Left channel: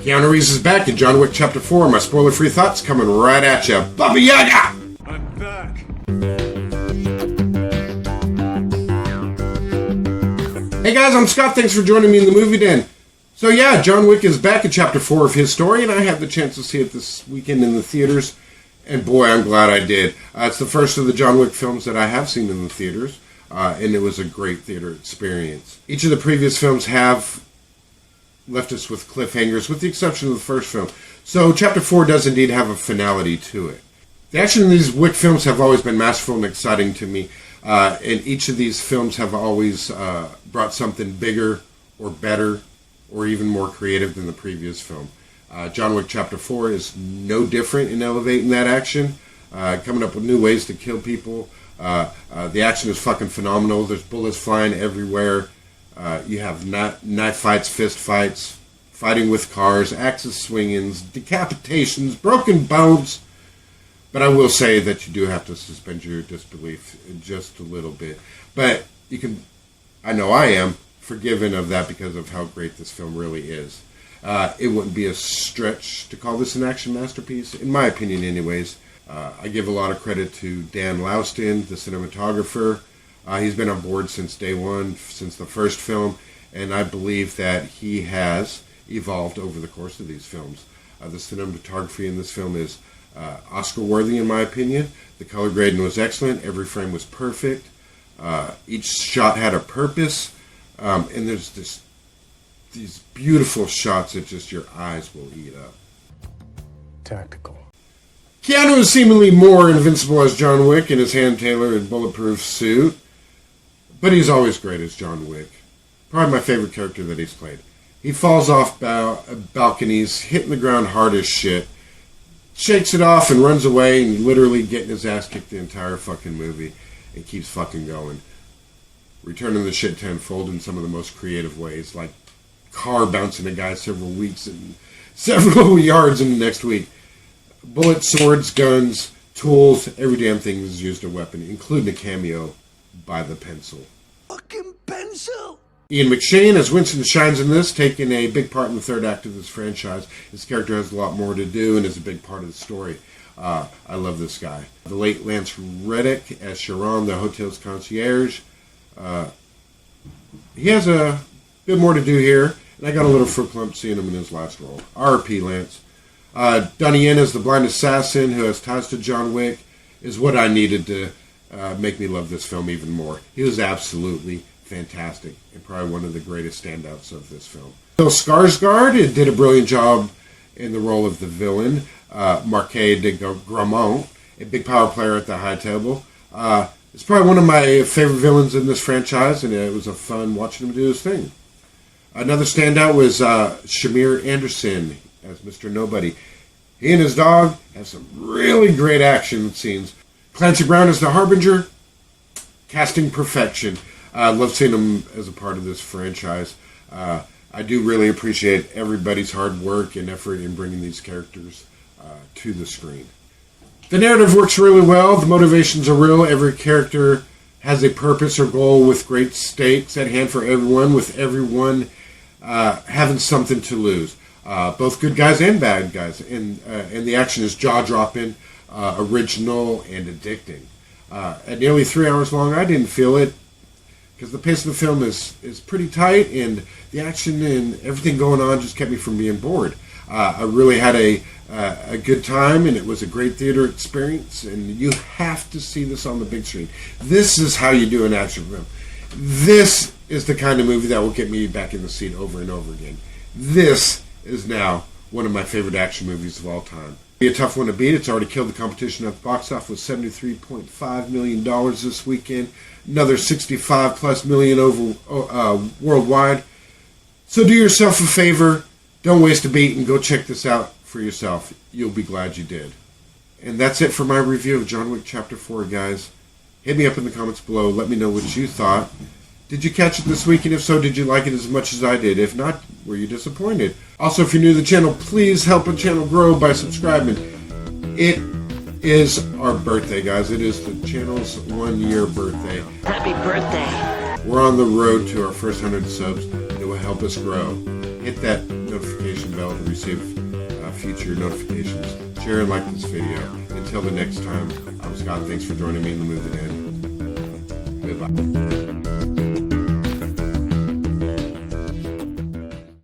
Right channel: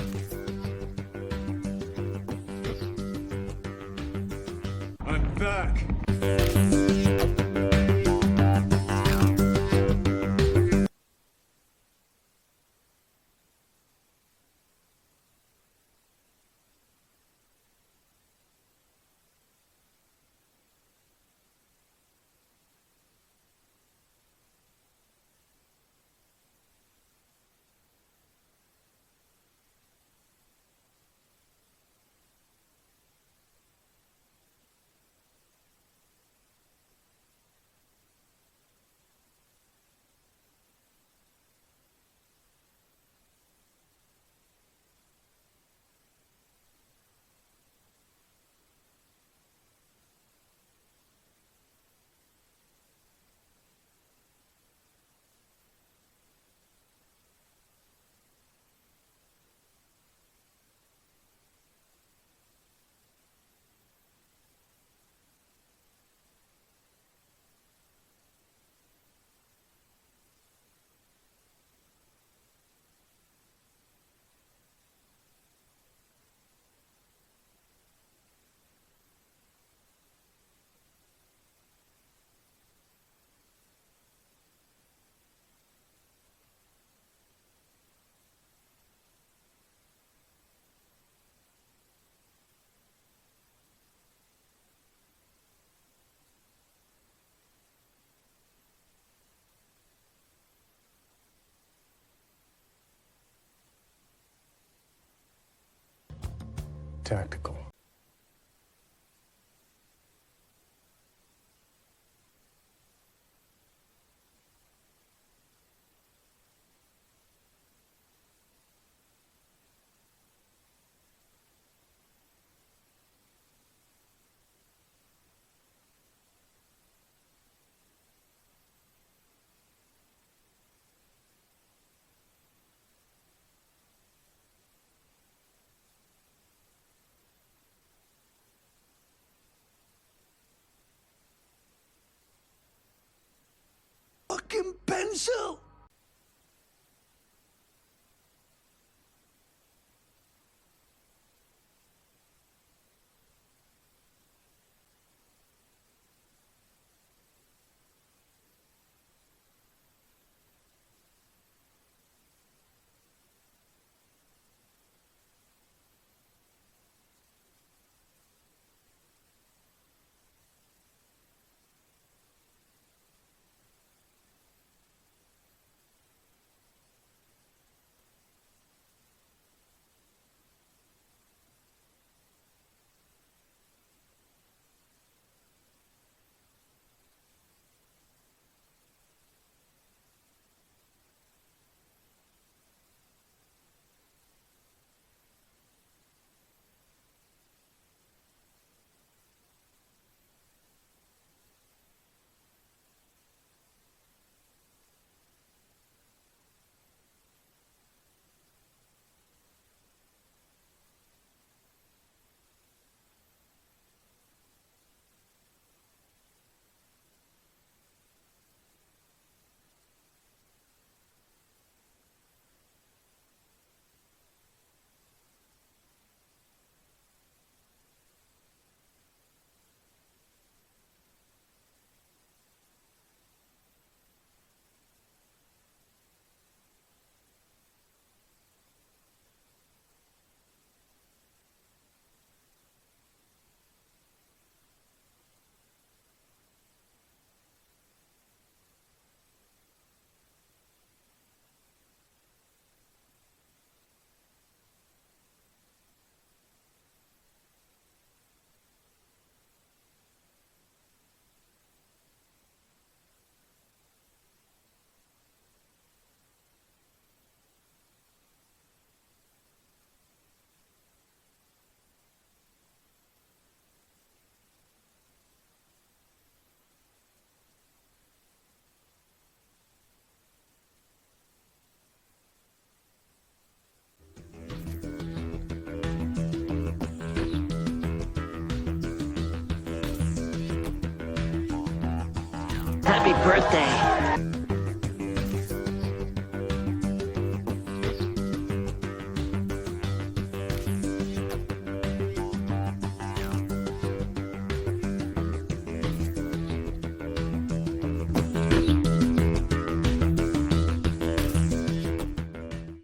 Keanu Reeves is back in John Wick Chapter 4. My spoiler-free thoughts coming right at you. Baba Yaga! I'm back. Hey guys, I'm Scott. Thanks for joining me in the movie den. So yeah, John Wick is back in Chapter 4 of his story, and I had the chance to see it this weekend in the theaters. And boy, I'm glad I did. It's the first of the John Wick films that I have seen in the theaters, and it was a great theater experience. Each of the previous films have left us with cliffhangers, with the exception of the first film. So Chapter 4 does indeed have a finality to it. The action in these Wick films have always been masterful and exciting to me, and each of these films have always brought something bigger or better or even more creative than the previous film. John Wick Chapter 4 is no different in elevating that action, coming up with new ways to kill people. The action is fucking phenomenal. There's bullets flying everywhere. You have knife fights, fist fights, fighting with cars, axes swingings, decapitations, broken bones. But I will say that you do have to suspend your disbelief just a little bit. But you can, I know I am, forgiven of that because of how great this film really is. It wouldn't be a stretch to call this an action masterpiece, in my opinion anyways. I give a lot of credit to Dan Louston, the cinematographer. He's been on board since day one, since the first film, and I believe that he has evolved over the course of these films. The cinematography in this film is Oscar-worthy, in my opinion. The color grading was excellent. Every frame was perfect. Each shot had a purpose, and there's these beautiful shots that just your eyes will eat up. Tactical. Keanu is seemingly more invincible as John Wick in his hand-tailored bulletproof suit, but he's always great as John Wick. Probably my favorite character that he's played. He falls off balconies, hitting the ground hard as shit, shakes it off and runs away, and literally getting his ass kicked the entire fucking movie, and keeps fucking going. Returning the shit tenfold in some of the most creative ways, like car bouncing a guy several yards in the next week. Bullets, swords, guns, tools, every damn thing is used a weapon, including a cameo by the pencil. Fucking pencil! Ian Mcshane, as Winston shines in this, taking a big part in the third act of this franchise. His character has a lot more to do and is a big part of the story. I love this guy. The late Lance Reddick as Sharon, the hotel's concierge. He has a bit more to do here, and I got a little fruit clump seeing him in his last role. R.P. Lance. Donnie as the blind assassin who has ties to John Wick is what I needed to make me love this film even more. He was absolutely fantastic and probably one of the greatest standouts of this film. Bill Skarsgård did a brilliant job in the role of the villain, Marquis de Gramont, a big power player at the high table. It's probably one of my favorite villains in this franchise, and it was a fun watching him do his thing. Another standout was Shamir Anderson as Mr. Nobody. He and his dog have some really great action scenes. Clancy Brown as the Harbinger, casting perfection. I love seeing him as a part of this franchise. I do really appreciate everybody's hard work and effort in bringing these characters to the screen. The narrative works really well. The motivations are real. Every character has a purpose or goal with great stakes at hand for everyone, with everyone having something to lose. Both good guys and bad guys. And the action is jaw-dropping, original, and addicting. At nearly 3 hours long, I didn't feel it, because the pace of the film is pretty tight, and the action and everything going on just kept me from being bored. I really had a good time, and it was a great theater experience, and you have to see this on the big screen. This is how you do an action film. This is the kind of movie that will get me back in the seat over and over again. This is now one of my favorite action movies of all time. Be a tough one to beat. It's already killed the competition at the box office with $73.5 million this weekend. Another 65 plus million over worldwide. So do yourself a favor. Don't waste a beat and go check this out for yourself. You'll be glad you did. And that's it for my review of John Wick Chapter 4, guys. Hit me up in the comments below. Let me know what you thought. Did you catch it this week? And if so, did you like it as much as I did? If not, were you disappointed? Also, if you're new to the channel, please help the channel grow by subscribing. It is our birthday, guys. It is the channel's 1-year birthday. Happy birthday. We're on the road to our first 100 subs. It will help us grow. Hit that notification bell and receive share and like this video. Until the next time, I'm Scott. Thanks for joining me in the movie. Goodbye.